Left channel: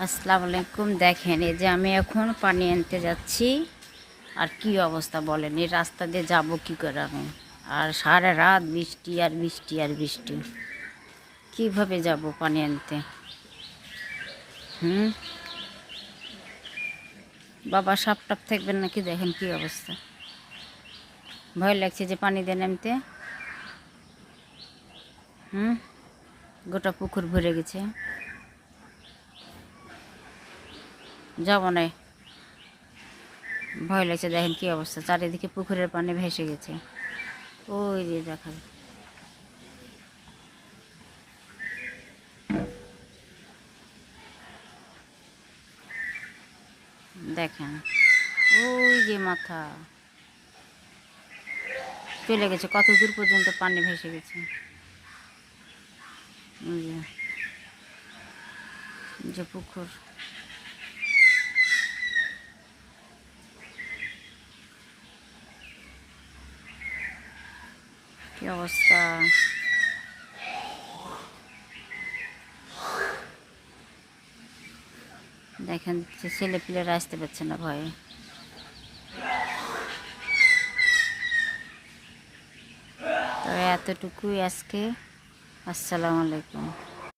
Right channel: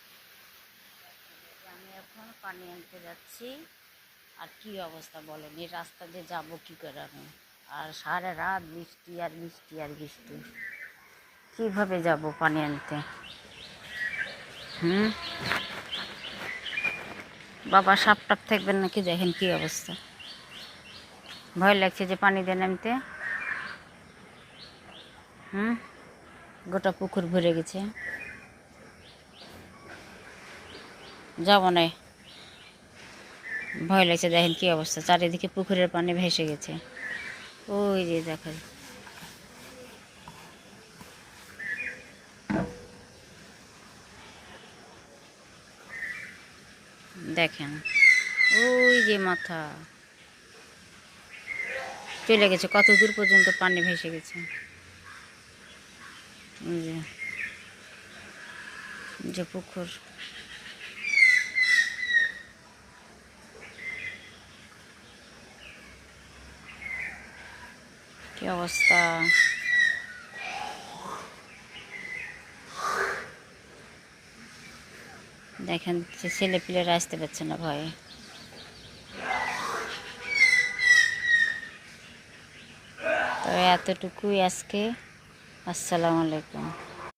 আসসালামু আলাইকুম। দেখেন এই যে আমি এখন পানি আনতে যাচ্ছি, আর কি অবস্থা বলেন, এই রাস্তা দিয়ে যাব কি করে আমি? আর সারা রাত বৃষ্টি আর বৃষ্টি আর বৃষ্টি, কিভাবে যাব পানি আনতে? হুম, বাবা সাপ টাপ থাকবেন নাকি? দেখেন কি অবস্থা, ভয় লাগছে যে পানি দিয়ে নামতে। হুম, গোটা পুকুর ভরে গেছে, যাব না, ভয় লাগছে। দেখেন কি অবস্থা, চারিদিকে পুকুরের পানি ভেসে গেছে। ওই যে দেখেন, দেখেন ওই যে মাথা চলে গেছে, কত দূর পর্যন্ত পানি ভেসে গেছে। ওই যে যে পুকুর, কি অবস্থা। দেখেন যে ছেলে পিলেরা আসতে পারছে না ভয়ে। তবে এতটুকুই আজকে। আসসালামু আলাইকুম।